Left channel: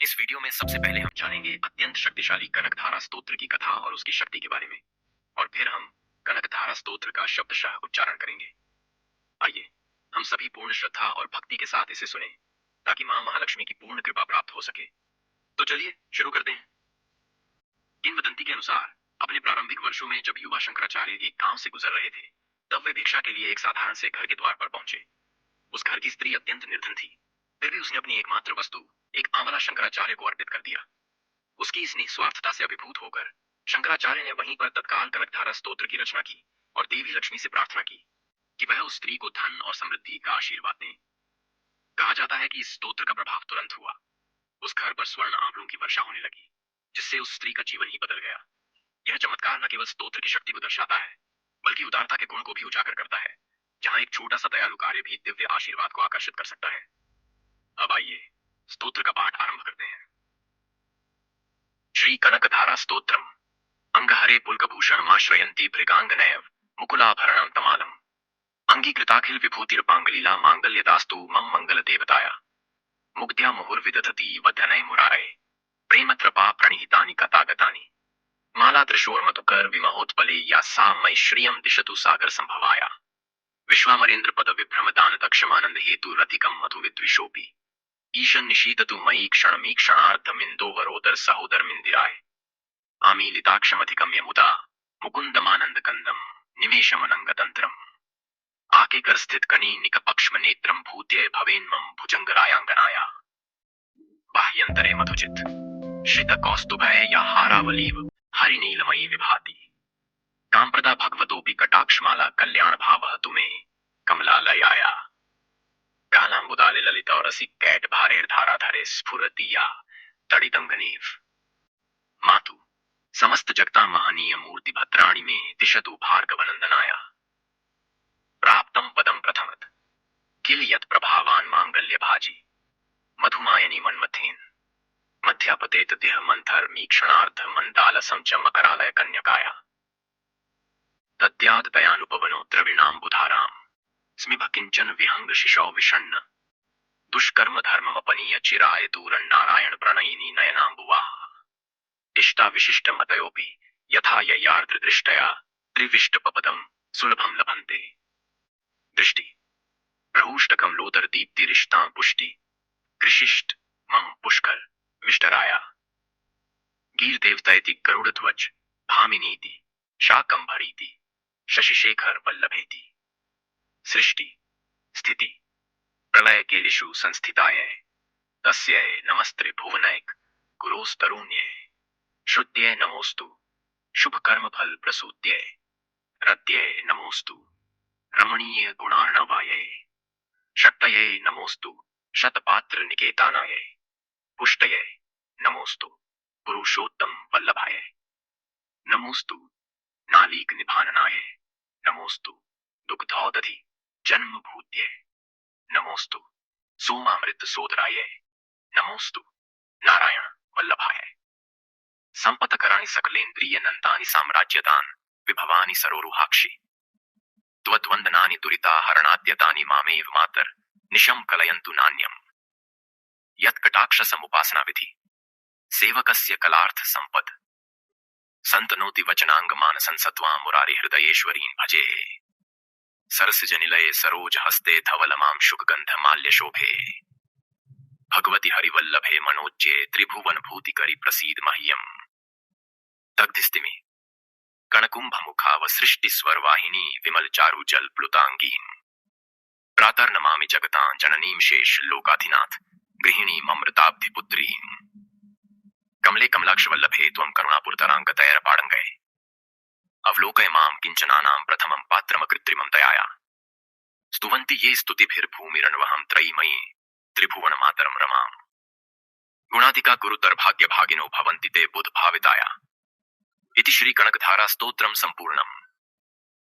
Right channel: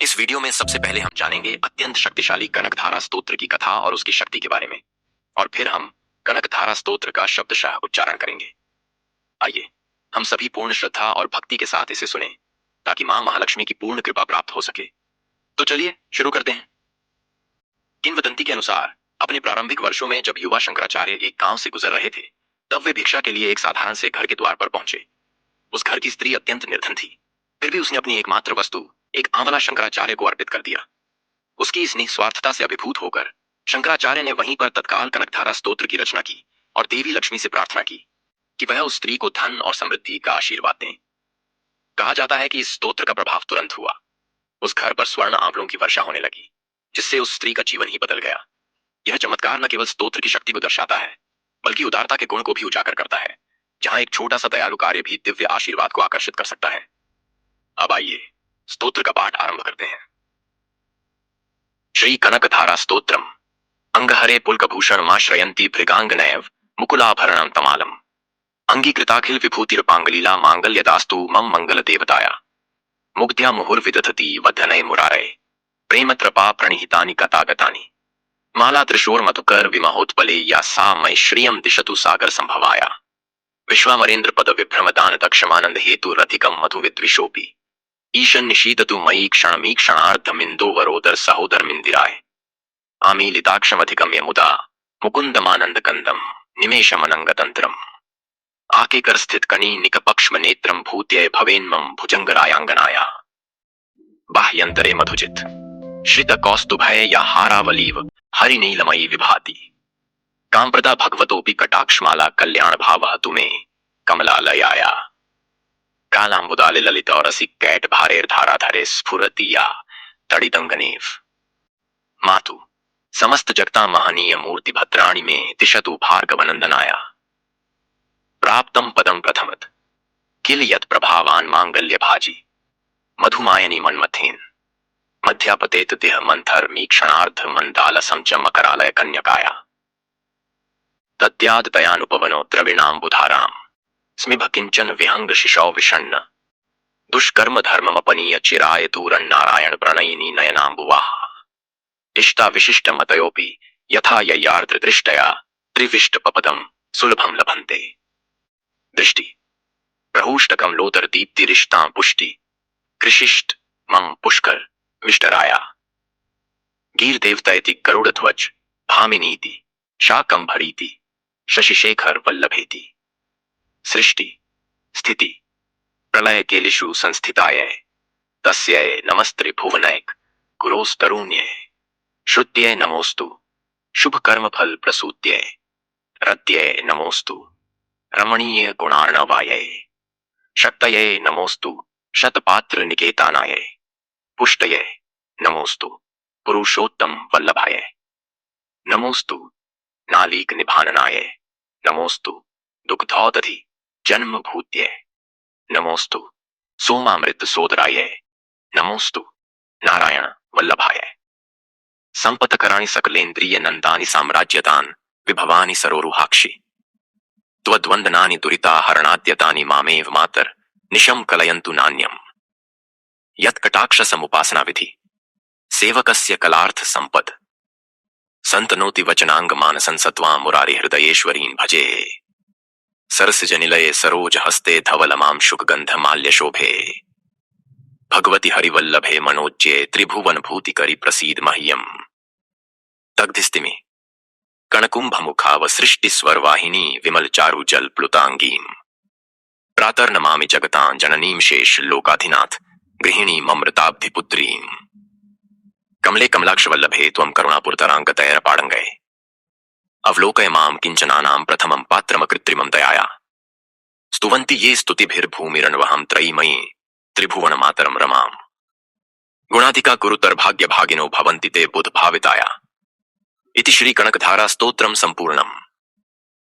इस वीडियो में सबसे पहले हम जानेंगे अत्यंत शक्तिशाली कनकधारा स्तोत्र की कथा और उसकी शक्ति के बारे में, और फिर हम कनकधारा स्तोत्र का शब्दशः उच्चारण करेंगे। आइए हम सभी पूर्ण श्रद्धा और भक्ति के साथ इसे सुनें, ताकि मां महालक्ष्मी की पूर्ण कृपा प्राप्त हो सके। तो चलिए शुरू करते हैं। किंवदंती के अनुसार अपने प्रारंभिक वर्षों में जब युवा शंकराचार्य एक गांव से गुजर रहे थे, तब वे भिक्षा के लिए एक साधारण से घर के द्वार पर पहुंचे। उस घर की स्त्री अत्यंत निर्धन थी, फिर भी उसने अपनी एकमात्र वस्तु एक आंवला शंकराचार्य को अर्पित कर दिया। उसकी इस निस्वार्थता से अभिभूत होकर शंकराचार्य ने वहीं पर तत्काल कनकधारा स्तोत्र की रचना की और देवी लक्ष्मी से प्रार्थना की कि वह उस स्त्री को धन और समृद्धि का आशीर्वाद दें। कहा जाता है कि इस स्तोत्र का प्रभाव तुरंत हुआ। उस घर पर स्वर्ण आंवलों की वर्षा होने लगी, जिससे उस स्त्री का जीवन ही बदल गया। यह चमत्कार न केवल स्तोत्र की शक्ति को दर्शाता है, बल्कि उदारता के गुण को भी उजागर करता है, जहां एक छोटा सा दयालु कार्य भी दिव्य आशीर्वाद को आकर्षित कर सकता है। अब आइए स्तोत्र का पाठ आरंभ करते हैं। श्री कनकधारा स्तोत्रम। अंगहरे पुलकभूषणमाश्रयन्ति भृगांगनैव मुकुलाभरणं तमालम्। अंगीकृताखिल विभूतिर्पांगलीला मांगल्यदास्तु मम मंगल देवताया। मुग्ध्या मुहुर्विदधति वदनय मुरारे। प्रेमत्रपा प्रणिहितानि कथागतानि। माला त्रिशोर्मधुकर विमहोत्पले या सा मयि श्रियं दिशतु सागर संभवाया। विश्वामरेन्द्र पद विभ्रमदान दक्षमानंद हेतु रधिकं मधु विद्विषोपि। ईशन निशीदतु मयि क्षणमीक्षणार्धमिन्दोवरोदर सहोदरमिन्दिराय। आमीलिताक्षमधिगम्य मुदा मुकुन्दमानंद कंदम निमेषमनंगतंत्रम। आके कर स्थित कनी निकपक्ष्म नेत्रम भूत्य भवेन्मम भुजंगरायांगनाया। बाह्यंतरे मधुजित श्रित कौस्तुभय या हारावलीव हरिनीलमयी विभाति। कांप्रदा भगवतोपि कटाक्षमाला कल्याण भावः तुमे कमलालयाया। कालांबुदाले ललित और रसिक कैट भारेर धाराधरे स्फुरति या तड़िदंगनेव। मातु समस्त जगता महनीय मूर्ति भद्राणी में दिशतु भार्गवनंदनाया। प्राप्तम पदम प्रथमत किल यत् प्रभावान मांगल्य भाजी। मधुमायनी मन्मथेन मध्यापतेत देह मंथर मीक्षणार्ध मंदालसं च मकरालय कन्यकाया। तद्याद दयानुपवनो द्रविणाम्बुधाराम स्मिभ किंचन विहंग शिशौ विषण्ण। दुष्कर्म धर्ममपनीय चिराय दूरं नारायण प्रणयिनी नयनाम्बुवाः। इष्टा विशिष्ट मतयोपि यथा यय्यार्द्र दृष्टया त्रिविष्टपपदं सुलभं लभन्ते। दृष्टि प्रहूष्टकं लोदर दीप्तिरिष्टां पुष्टि। कृषिष्ट मं पुष्कर विष्टराया। गीर देवतैति गरुड़ध्वज भामिनीति शाकंभरीति शशिशेखर वल्लभेति। सृष्टि स्थिति प्रलय केलिषु संस्थिताय तस्यै नमस्त्रे भुवनैक गुरोस्तरुण्ये। श्रुत्यै नमोस्तु शुभ कर्म फल प्रसूत्यै। रत्यै नमोस्तु रमणीय गुणार्णवायै। शक्तये नमोस्तु शतपात्र निकेतानाय। पुष्टये नमोस्तु पुरुषोत्तम वल्लभाय। नमोस्तु नालीक निभाननाय। नमोस्तु दुग्धौदधि जन्म भूत्यै। नमोस्तु सोमामृत सोदराय। नमोस्तु नारायण वल्लभाय। संपतकराणि सकलेन्द्रिय नंदानि साम्राज्यतान् विभवानि सरोरुहाक्षि। त्वद्वन्दनानि दुरिताहरणाद्यतानि मामेव मातर निशं कलयन्तु नान्यम्। यत्कटाक्ष समुपासना विधि सेवकस्य कलार्थ संपद। संतनोति वचनांग मानसं सत्वां मुरारि हृदयेश्वरीन् भजे। सरसिजनिलये सरोज हस्ते धवलमां शुकगंध माल्य शोभे। भगवति हरिवल्लभे मनोज्ये त्रिभुवन भूतिकरि प्रसीद मह्यम्। दग्धिस्तिमि कणकुंभमुखाव सृष्टि स्वरवाहिनी विमल चारु जल प्लुतांगीं। प्रातर्नमामि जगतां जननीं शेष लोकाधिनाथ गृहिणी ममृताब्धिपुत्रीं। कमले कमलाक्ष वल्लभे त्वं करुणापुरतरांगतैरपाड़ंगै। अवलोकय मां किंचनानां प्रथमं पात्रमकृत्रिमं दयाया। स्तुवन्ति ये स्तुतिभिर्भूमिरण्वहं त्रयीमयी त्रिभुवन मातरं रमाम्। गुणाधिका कुरुतर भाग्य भागिनो भवन्ति ते बुध भाविताया। इति श्री कनकधारा स्तोत्रम संपूर्णम।